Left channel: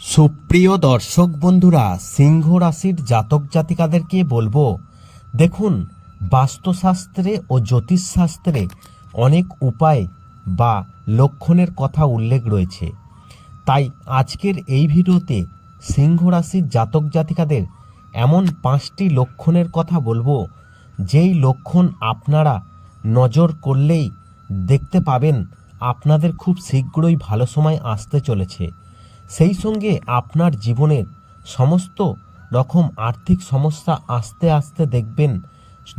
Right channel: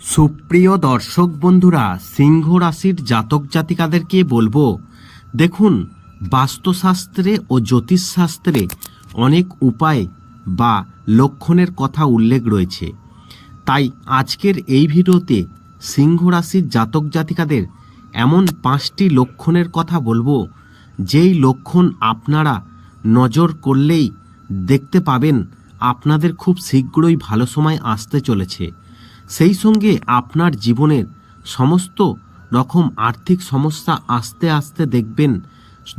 সুপ্রিয় দর্শক বন্ধুরা, সিংহ রাশির জাতক জাতিকাদেরকে বলব, দেখুন, বাস্তুশাস্ত্রে ও জ্যোতিষশাস্ত্রে অনেক উপায় বা লক্ষণের কথা উল্লেখ রয়েছে। তাই আজকের এই ভিডিওতে সিংহ রাশির জাতক জাতিকাদের এমন পাঁচটি লক্ষণের কথা বলব, যেই লক্ষণ আপনারা নজর করলেই দেখতে পাবেন, আপনাদের খুব শীঘ্রই ভালো সময় আসতে চলেছে। সেই সঙ্গে আপনার জীবনের সমস্ত রকম আর্থিক সমস্যা আস্তে আস্তে দেখবেন,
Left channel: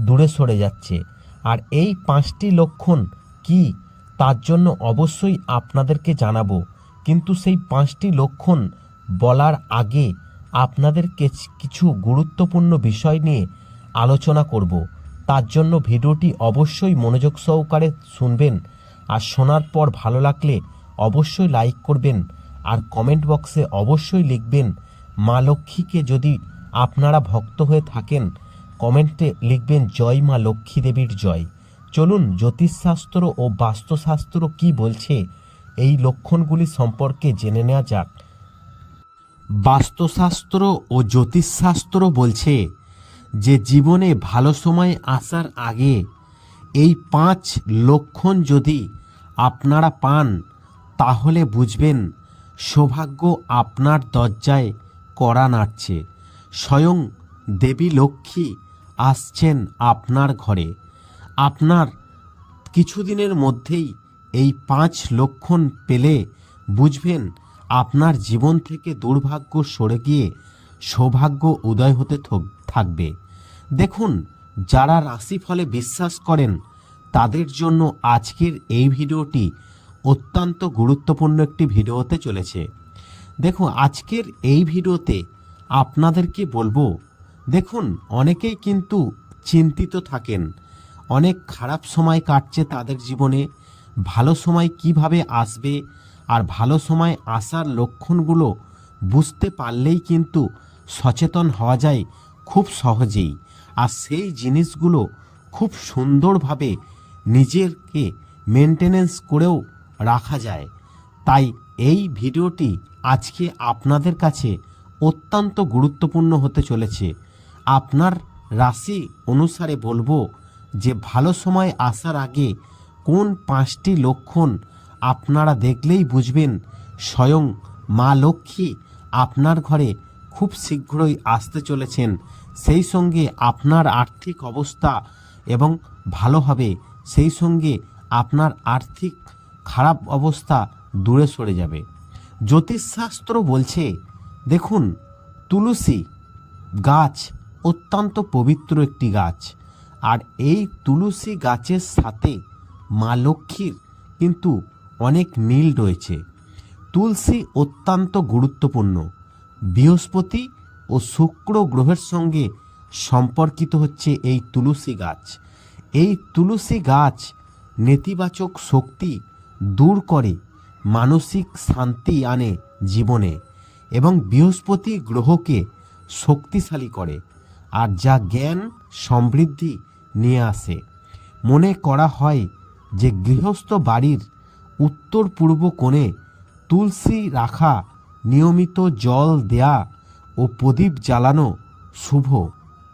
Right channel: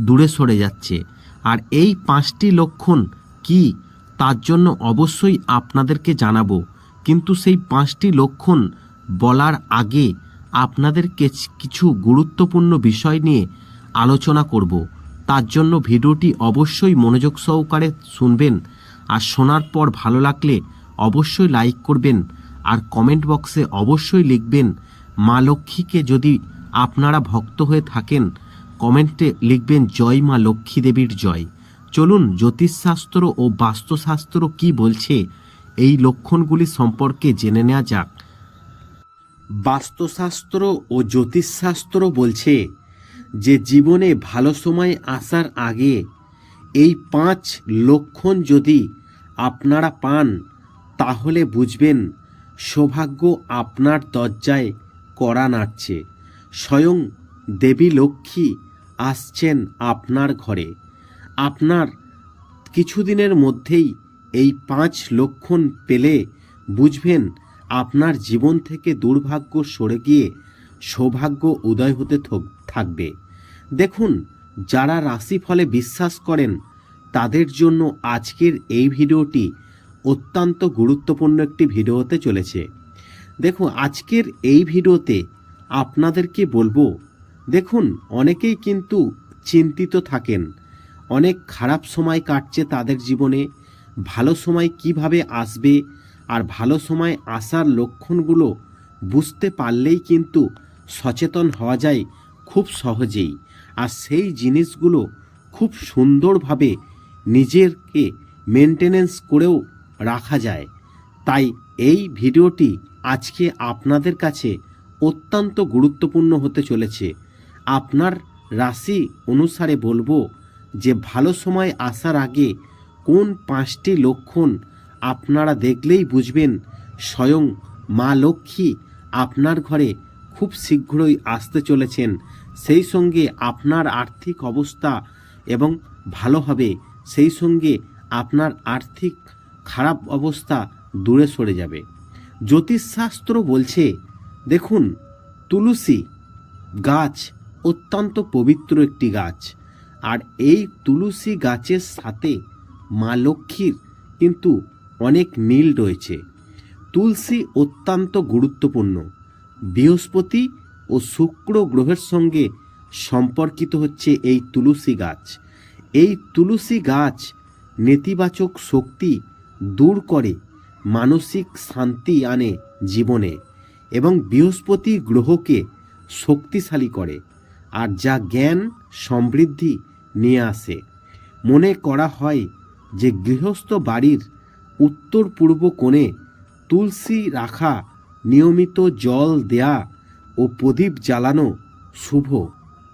দূরে সরে যাচ্ছে। আর এই পাঁচটি লক্ষণ কি, তার জন্য অবশ্যই আপনাদেরকে জানাব। কিন্তু সেই পাঁচটি লক্ষণ বলার আগে আপনাদেরকে কিছু গুরুত্বপূর্ণ বিষয় নিয়ে আলোচনা করব। তার জন্য ভিডিওটি অবশ্যই মনোযোগ সহকারে শুনবেন। আর শোনার পর ভালো লাগলে অবশ্যই লাইক করবেন। আর কমেন্ট বক্সে অবশ্যই লিখবেন, মা লক্ষ্মীকে যদি আপনারা ভক্ত হয়ে থাকেন, কমেন্টে লিখবেন, জয় মা লক্ষ্মী দেবীর জয়। চলুন, জ্যোতিষশাস্ত্র ও বাস্তুশাস্ত্র কি বলছে, এই লক্ষণগুলি সম্পর্কে জেনে নেওয়া যাক। বাস্তুশাস্ত্র ও জ্যোতিষশাস্ত্র বলছে যে, জীবনে ভালো সময় আসার আগে এই পাঁচ লক্ষণ যদি আপনারা পান, তাহলে বুঝবেন সৌভাগ্য আপনার দরজায় কড়া নাড়ছে। স্বয়ং দেবী লক্ষ্মী আসছেন আপনার ঘরে। আপনার কিছুদিনের মধ্যেই এই পাঁচ লক্ষণ পেলে বুঝবেন আপনার জীবন থেকে দুর্ভাগ্য সরে গিয়ে সৌভাগ্য উদয় হতে থক- থাকবে। দেখুন, যারা রাশিফলে বিশ্বাস করেন, তাদের জন্য আজকের এই ভিডিওটি অত্যন্ত গুরুত্বপূর্ণ একটি ভিডিওতে চলেছে। দেখো, আজকের এই ভিডিওতে আপনাদেরকে বলব, দেখুন, অনেকেই কিন্তু চিন্তিত থাকেন। অনেক খারাপ সময় কাটছে তাদের জীবনে, ভালো সময় কীভাবে আসবে আর ভালো সময় আসার লক্ষণগুলো বুঝতে পারলেই কিন্তু সচেতন হওয়া যায় খুব সহজেই। আর সেই জিনিসগুলো খুব সুন্দরভাবে নিজেরকে মেনটেনেন্স করেও রাখা যায়। তাই এই ভিডিওটি আজকে আপনাদের কাছে অত্যন্ত গুরুত্বপূর্ণ হতে চলেছে। আপনার রাশি অনুসারে বলব যে, ভালো সময় আসার আগে কোন পাঁচটি লক্ষণ আপনারা দেখলেই বুঝবেন। স্বয়ং মা লক্ষ্মী আপনার ঘরে খুব শীঘ্রই আসতে চলেছেন। সেই সঙ্গে আপনার আর্থিক অবস্থা এবং ভালো হবে। সেই সঙ্গে আপনার আর্থিক খারাপ অবস্থা দূরে সরে যাবে। জ্যোতিষশাস্ত্র বলছে, দেখুন, তুলসী গাছ অত্যন্ত পবিত্র একটি গাছ। আর এই তুলসী গাছের সাথে মা লক্ষ্মীর কিন্তু অনেক মিল রয়েছে। তুলসী অত্যন্ত গুরুত্বপূর্ণ। বৃহস্পতি ও শুক্র গ্রহের সঙ্গে সম্পর্কিত হচ্ছে এই তুলসী গাছ। এই তুলসী গাছ নেতিবাচক শক্তি দূর করে মানসিক শান্তি আনে জীবনে এবং বৃহস্পতি গ্রহকে শক্তিশালী করে আর যা জ্ঞান সমৃদ্ধি নিয়ে আসে। মনে করা হয় যে গৃহস্থ বাড়ির উত্তর পূর্ব কোণে তুলসী রাখা, নিয়মিত জল দেয়া ও প্রদীপ জ্বালানো শুভ,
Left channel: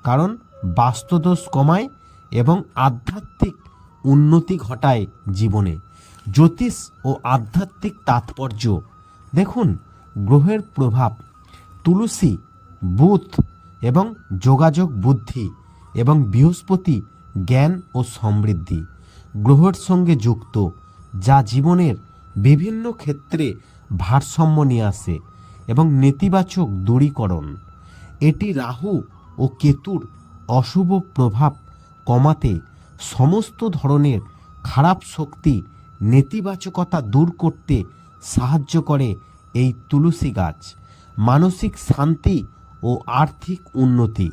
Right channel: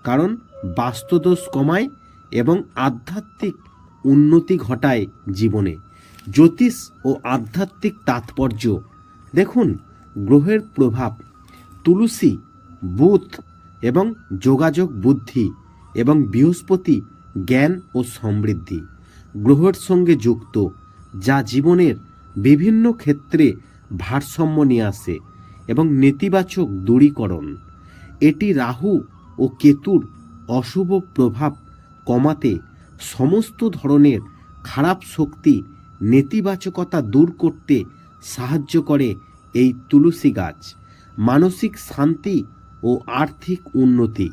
কারণ বাস্তুদোষ কমায় এবং আধ্যাত্মিক উন্নতি ঘটায় জীবনে। জ্যোতিষ ও আধ্যাত্মিক তাৎপর্য। দেখুন, গ্রহের প্রভাব, তুলসী বুথ এবং যোগাযোগ বুদ্ধি এবং বৃহস্পতি জ্ঞান ও সমৃদ্ধি গ্রহের সঙ্গে যুক্ত, যা জীবনের বিভিন্ন ক্ষেত্রে ভারসাম্য নিয়ে আসে এবং নেতিবাচক দূরীকরণ। এটি রাহু ও কেতুর অশুভ প্রভাব কমাতে সমস্ত ধরনের খারাপ শক্তি নেতিবাচকতা দূর করতে সাহায্য করে এই তুলসী গাছ। মানসিক শান্তি ও আর্থিক উন্নতি।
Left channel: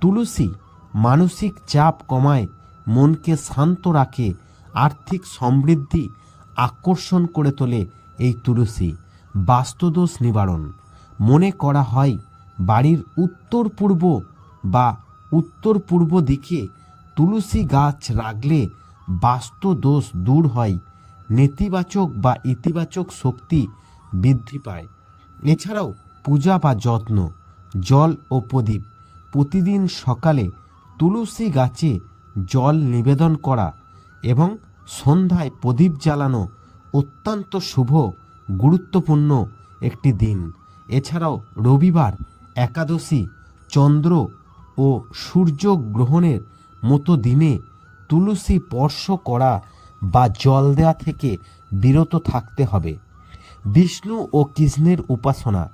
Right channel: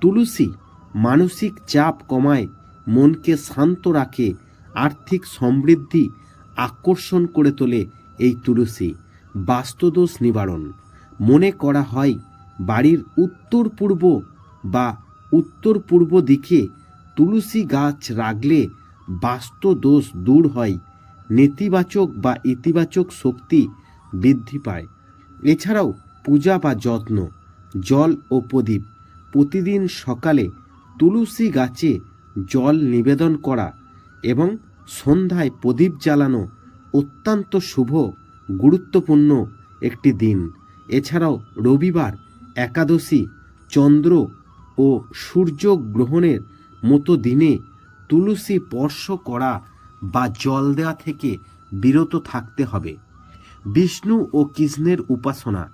তুলসী মানসিক চাপ কমায়, মনকে শান্ত রাখে, আর্থিক সমৃদ্ধি আকর্ষণ করে তোলে এই তুলসী। বাস্তুদোষ নিবারণ। মনে করা হয়, বাড়ির উত্তর পূর্ব বা উত্তর পূর্ব দিকে তুলসী গাছ রাখলে বাস্তু দোষ দূর হয়। নেতিবাচক বা ইতিবাচক শক্তি বৃদ্ধি পায়। এছাড়াও পূজা বা যত্ন, জল ও প্রদীপ, প্রতিদিন সকালে তুলসী গাছে জল নিবেদন করা এবং সন্ধ্যায় প্রদীপ জ্বালানো অত্যন্ত শুভ, গুরুত্বপূর্ণ একটি দিন। এছাড়াও রবিবার একাদশী, চন্দ্র ও সূর্য গ্রহণের মতো দিনে তুলসী স্পর্শ করা বা জল দেওয়া থেকে বিরত থাকতে হবে। বিষ্ণু ও কৃষ্ণের উপাসনা।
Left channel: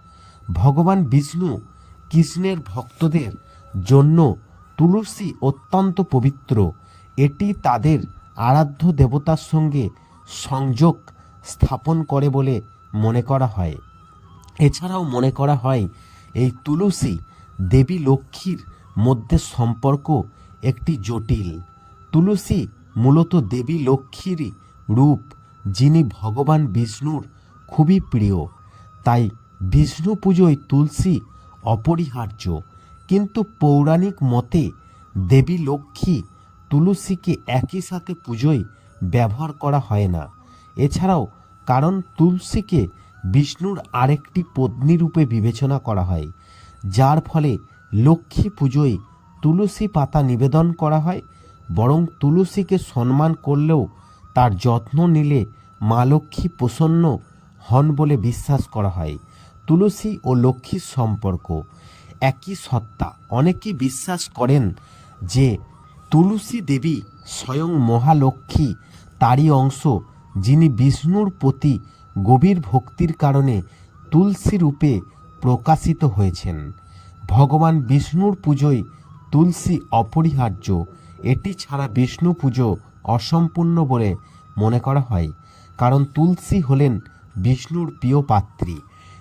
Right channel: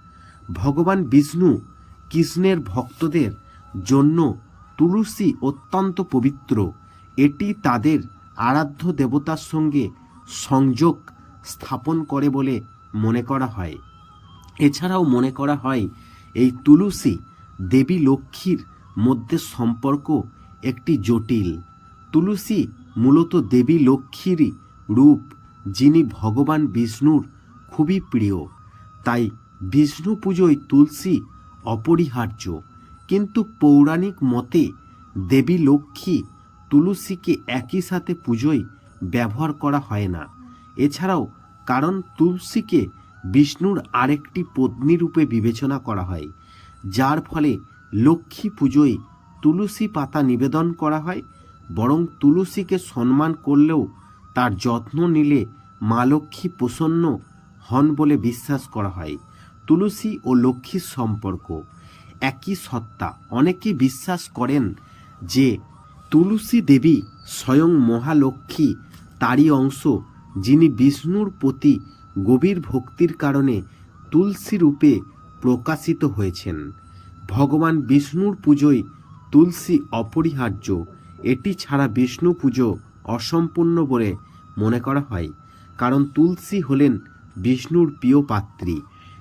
ভগবান বিষ্ণু কৃষ্ণের ভক্তদের জন্য তুলসী অত্যন্ত পবিত্র। এটি তাদের আরাধ্য দেবতার সঙ্গে সংযোগ স্থাপন করে বলে মনে করা হয়। এছাড়াও মনে করা হয়, এই তুলসী দেবী লক্ষ্মীর মধ্যে সম্পর্ক একটি জটিল। তুলসী মূলত দেবী লক্ষ্মীরই রূপ, যিনি ভগবান বিষ্ণুর খুবই প্রিয়। তাই বিষ্ণু পুজোয় তুলসী অপরিহার্য। কিন্তু পৌরাণিক মতে দেবী লক্ষ্মী তুলসীকে একই সাথে পুজোয় ব্যবহার করা হয় না। এছাড়াও কারণ তুলসীকে বিষ্ণুর আরেকটি পত্নী রূপে বিবেচনা করা হয়, যার ফলে লক্ষ্মী পুজোয় তুলসী পাতা নিবেদন করা হয় বরং তুলসীকে সম্মান করলেও তার যত্ন নিলে মা লক্ষ্মী প্রসন্ন হন বলে বিশ্বাস করা হয়। তুলসী ও লক্ষ্মীর সম্পর্ক একই সত্তা। অনেকে বিশ্বাস করেন যে তুলসী দেবী স্বয়ং মহালক্ষ্মী, তারই অংশ, যিনি বিষ্ণুর প্রতি গভীর ভক্তির কারণে তুলসী রূপে প্রকাশিত হয়েছেন। ভগবান বিষ্ণুর পুজোয় তুলসী অপরিহার্য এটি ছাড়া বিষ্ণু পুজো অসম্পূর্ণ বলে মনে করা হয়, কারণ তুলসী হলেন বিষ্ণুর প্রিয় পাত্রী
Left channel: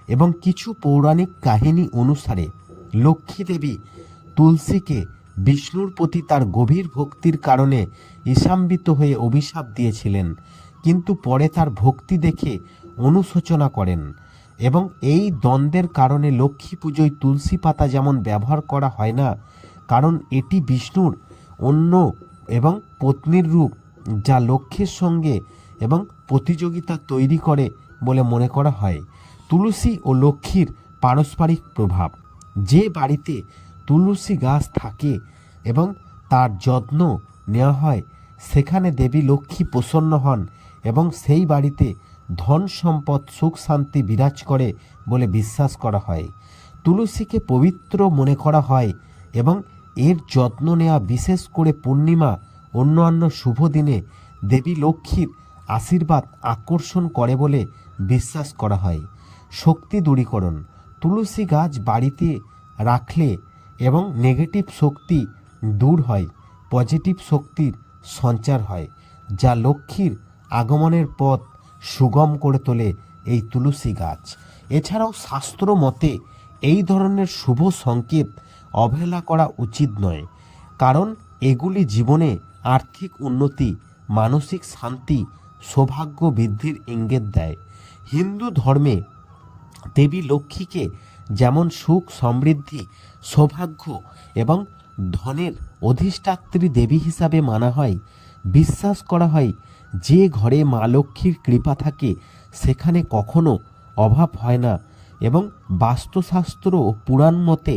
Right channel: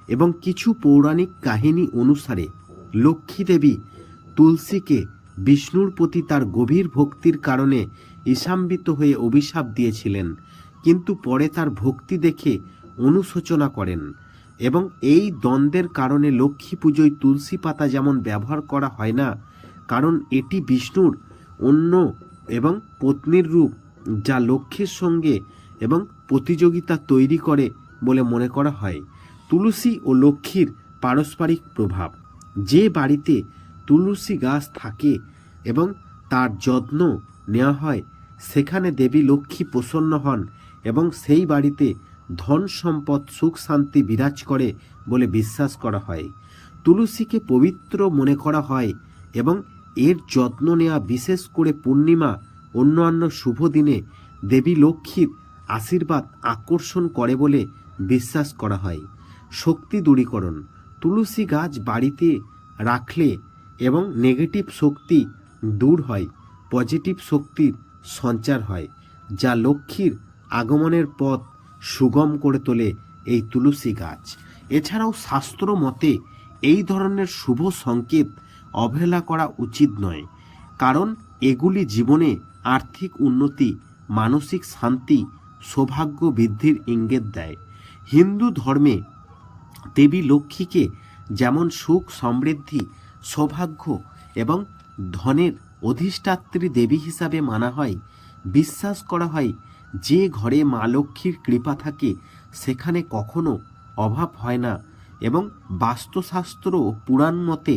এবং কিছু পৌরাণিক কাহিনী অনুসারে লক্ষ্মী দেবী তুলসীকে বিষ্ণুর প্রতি তার গভীর ভক্তির কারণে ঈশাম্বিত হয়ে অভিশাপ দিয়েছিলেন, কিন্তু পরে তার ভক্তি দেখে অনুশোচনা করেন এবং এই দ্বন্দ্বের কারণে লক্ষ্মী পুজোয় তুলসী পাতা যেমন ব্যবহার করা হয় না, কারণ এটি বিষ্ণুর অন্য এবং পত্নীর রূপ যা লক্ষ্মীর সঙ্গে এবং প্রতিযোগিতা তৈরি করে বলে মনে করা হয়। তুলসী ও লক্ষ্মীর পারস্পরিক প্রভাব। যে বাড়িতে তুলসী গাছ থাকে এবং তার যত্ন নেওয়া হয়, সেখানে দেবী লক্ষ্মী প্রসন্ন হন এবং সেই বাড়িতে ধন সম্পদ, সুখ শান্তি বিরাজ করে বলে বিশ্বাস করা হয়। তুলসীকে পবিত্র মনে করা হয় এবং এর যত্ন নেওয়া বিশেষ করে পূর্ণিমা, অন্যান্য শুভ দিনে দেবী লক্ষ্মীর আশীর্বাদ আকর্ষণ করে বলে বিশ্বাস করা হয়। শক্তি দূরীকরণ, তুলসী গাছ বাড়িতে রাখলে এবং নেগেটিভ শক্তি দূর হয় পজিটিভ শক্তির সঞ্চার হয়, যা লক্ষ্মীর আগমনের পথ সুগম করে তোলে এই তুলসী গাছ। এছাড়াও শাস্ত্র মতে এই ধরনের শুভ সংকেত অবহেলা করা উচিত নয়, কারণ এগুলি জীবনে আর্থিক উন্নতি, মানসিক শান্তি, সৌভাগ্য বৃদ্ধির ইঙ্গিত দেয়। হিন্দু ধর্মে দেবী লক্ষ্মীকে যেমন সুখ, সমৃদ্ধি, সৌভাগ্য এবং ধনের অধিষ্ঠাত্রী দেবী হিসাবে মানা হয়, বিশ্বাস করা হয়, যে ঘরে মা লক্ষ্মীর কৃপা থাকে সেখানে কখনো অভাব হয় না এবং বাস্তুশাস্ত্র ও পুরাণ মতে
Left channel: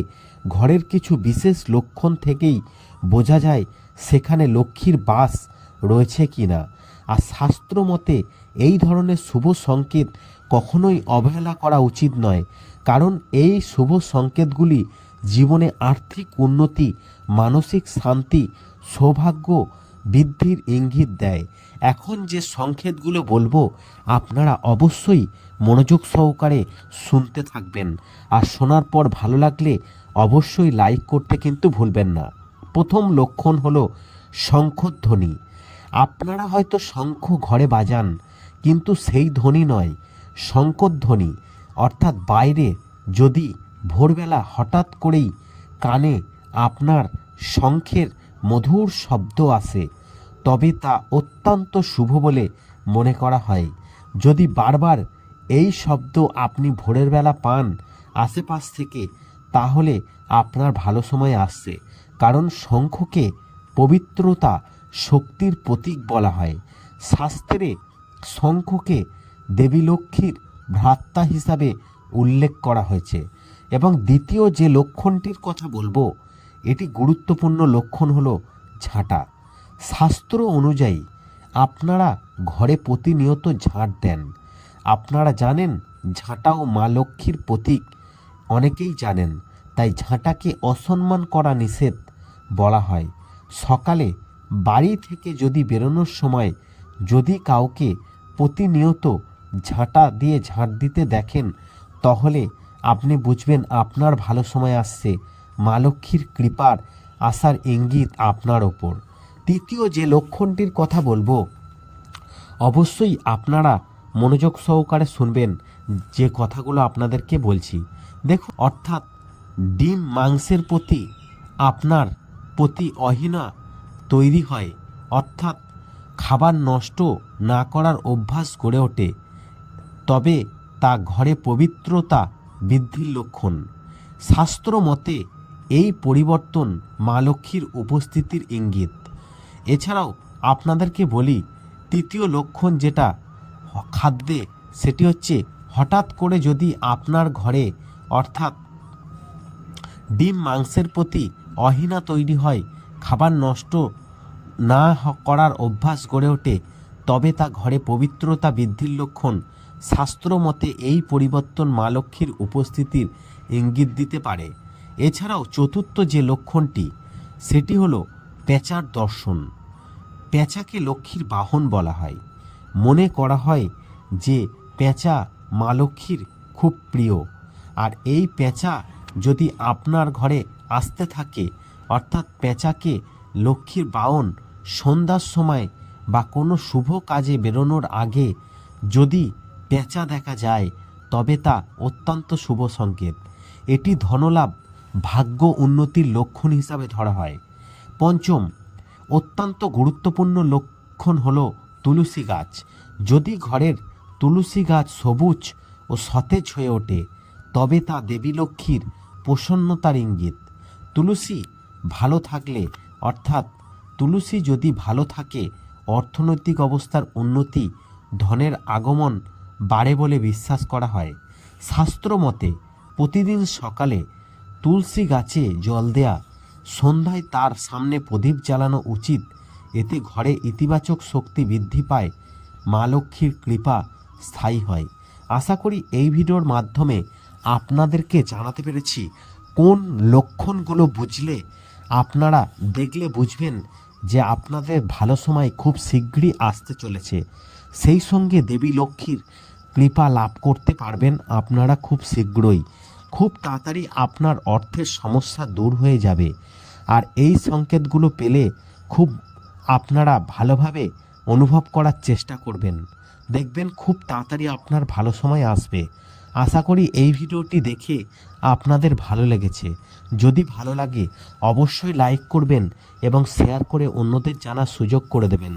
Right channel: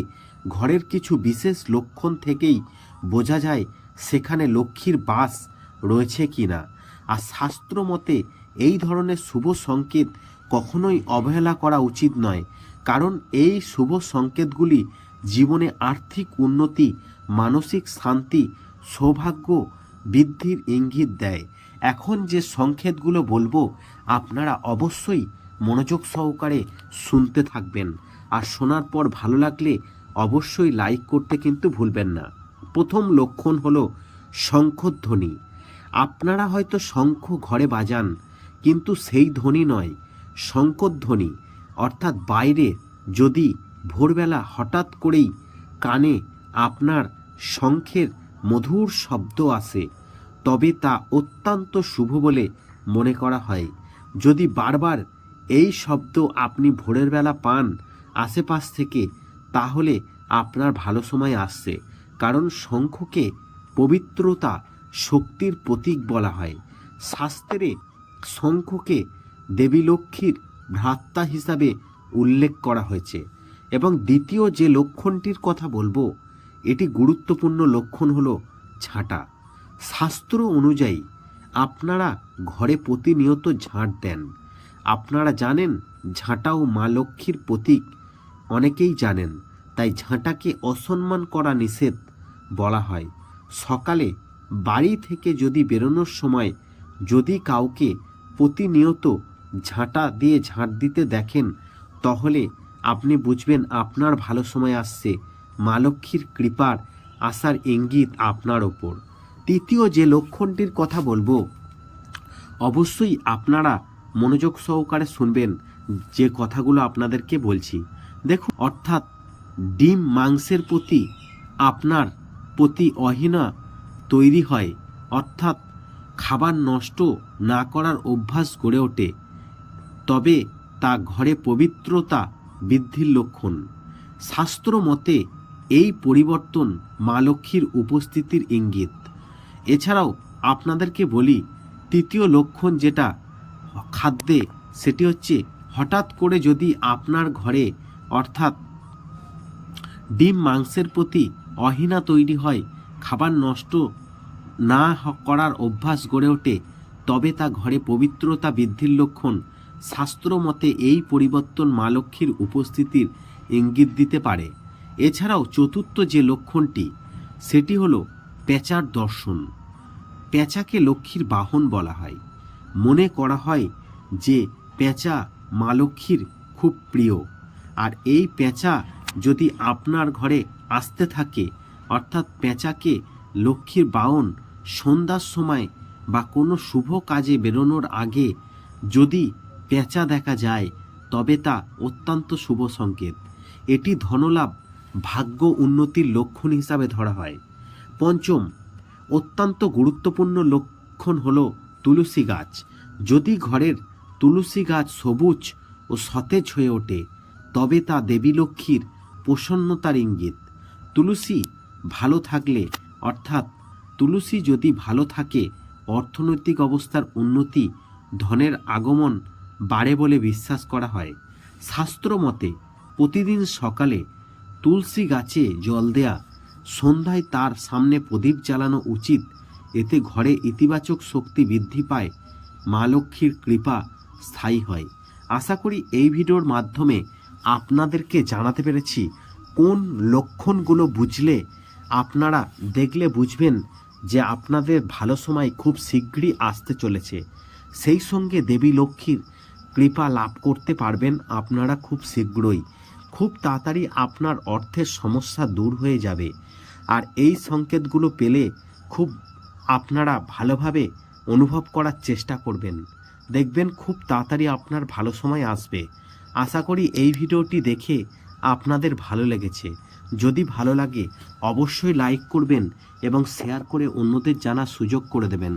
ঘরের কিছু বিশেষ লক্ষণ থেকেই বোঝা যায় সেখানে লক্ষ্মীর বাস রয়েছে কি না আর শাস্ত্র মতে এই ধরনের শুভ সংকেত কখনোই অবহেলা করা উচিত নয়, কারণ এই শুভ সংকেতগুলি জীবনে আর্থিক উন্নতি, মানসিক শান্তি, সৌভাগ্য বৃদ্ধির ইঙ্গিত দেয়। এখন যে সংকেতগুলো বলব, আপনারা অবশ্যই মনোযোগ সহকারে শুনতে থাকবেন। আর শোনার পর ভালো লাগলে অবশ্যই লাইক করতে কিন্তু ভুলবেন না। প্রথম লক্ষণ হলো শঙ্খধ্বনি। আপনারা হয়তো শঙ্খ ঘরে বাজান, কিন্তু সেই ধ্বনি নয় শঙ্করধ্বনি অর্থাৎ বাইরে যদি ভোরবেলা হঠাৎ করেই কানে আপনার শঙ্খের মধুর শব্দ আসে, তবে তা অত্যন্ত শুভ বলে মনে করা হয়। যদি বারবার এই শব্দ আপনি ভোরের বেলা পান, আশেপাশ থেকে তাহলে আপনার ভালো সময় আসছে। কারণ শঙ্খকে পবিত্রতা, শক্তির প্রতীক বলা হয়। শাস্ত্রে শঙ্খকে দেবী লক্ষ্মীর ভ্রাতা হিসাবে উল্লেখ করা হয়েছে। এবং দ্বিতীয় যে লক্ষণটির কথা বলব, এটি গুরুত্বপূর্ণ লক্ষণ হলো ঝাঁটা শাস্ত্র অনুযায়ী আপনারা ঘরে প্রতিনিয়ত ঝাঁট দেন। আপনারা জানেন, ঝাঁটাও মা লক্ষ্মীর প্রতীক। অনেকেই জানেন, তাই ঝাঁটাকে অসম্মান করা নিষেধ বলা হয়। সকালে বাড়ি থেকে যদি বেরোনোর সময় যদি কাউকে প্রতিনিয়ত ঝাঁটা দিয়ে ঝাঁট দিতে দেখেন, তাহলে আপনি বুঝবেন আপনার ভালো সময় আসছে। মা লক্ষ্মীর কৃপার আসার ইঙ্গিত আপনার ওপর। তৃতীয় যে লক্ষণটির কথা বলব, অবশ্যই আপনারা মনোযোগ সহকারে শুনবেন যে কথাগুলো আপনাদেরকে বলছি। দেখুন, অর্থাৎ ডিম মাংসের প্রতি আপনার প্রতি অহিনা তৈরি হয়। অর্থাৎ খাবার নষ্ট না করার অভ্যাস গড়ে ওঠে। তবে তা ঘরে পবিত্রতা বৃদ্ধির লক্ষণ। শাস্ত্র মতে এই পরিবর্তন মা লক্ষ্মীর উপস্থিতির ইঙ্গিত। এছাড়াও আপনাদেরকে বলি, তৃতীয় লক্ষণ যেটা খাদ্যে, সেটি হচ্ছে হঠাৎ করে যদি আপনার ঘরে অর্থাৎ ডিম মাংসের প্রতি অহিনা তৈরি হয়, খাবার নষ্ট না করার অভ্যাস গড়ে ওঠে, তবে তা ঘরে পবিত্রতা বৃদ্ধির লক্ষণ। শাস্ত্র মতে এই পরিবর্তন মা লক্ষ্মীর উপস্থিতির ইঙ্গিত দিতে পারে। এছাড়াও চতুর্থ যে লক্ষণটি, সেটি হলো পেঁচার দর্শন। পেঁচাকে লক্ষ্মীর বাহন বলা হয়। মনে করা হয় যে পেঁচা মা লক্ষ্মীর খুব প্রিয়। আর এই পেঁচা যদি আপনার ঘরে আসতে থাকে, অর্থাৎ পেঁচাকে লক্ষ্মীর বাহন সন্ধ্যার সময় বা কোনো শুভ কাজে বেরোনোর আগে যদি পেঁচা দেখা যায়, তবে তা অত্যন্ত শুভ সংকেত। এটি ধনলাভ ভাগ্য উন্নতির লক্ষণ হিসাবে ধরা হয়। পঞ্চম, অত্যন্ত গুরুত্বপূর্ণ লক্ষণ হলো তুলসী গাছ। যদি ঘরের তুলসী গাছ সবুজ ও সতেজ হয়ে ওঠে তবে তা দেবী লক্ষ্মীর প্রসন্নতার ইঙ্গিত। তুলসী ভালো থাকলে, অর্থাৎ তুলসী যদি ভালো থাকে, অর্থনৈতিক অবস্থার উন্নতি ধনের আগমন বাড়ে বলে বিশ্বাস করা হয়। শাস্ত্র মতে, প্রতিদিন সকালে তুলসী গাছে জল দেয়া, সন্ধ্যায় তার সামনে প্রদীপ জ্বালানো উচিত। এতে ঘরে ইতিবাচক শক্তি বৃদ্ধি পায়। মা লক্ষ্মীর কৃপা স্থায়ী হয়। আশা করি এই ভিডিওর মাধ্যমে আপনাদেরকে জানাতে পেরেছি কোন লক্ষণগুলো বুঝলে আপনারা দেখলে বুঝবেন যে আপনাদের ভালো সময় খুব শীঘ্রই আসতে চলেছে। সেই সঙ্গে দেবী লক্ষ্মীর কৃপা লাভ করতে পারবেন আপনারা খুব শীঘ্রই। খুব তাড়াতাড়ি আপনার অর্থের সমস্যা দূর হয়ে যাবে। আর এই সংকেতগুলো পেলে খুব আপনারা ভালোভাবে অনুভব করার চেষ্টা করবেন। দেখবেন খুব তাড়াতাড়ি আপনার ভালো সময় আসবে। আশা করি এই ভিডিওটি দেখে আপনাদের ভালো লেগেছে। যদি ভালো লাগে, অবশ্যই লাইক করবেন এবং শেয়ার করে অন্যদের জানার সুযোগ করে দেবেন।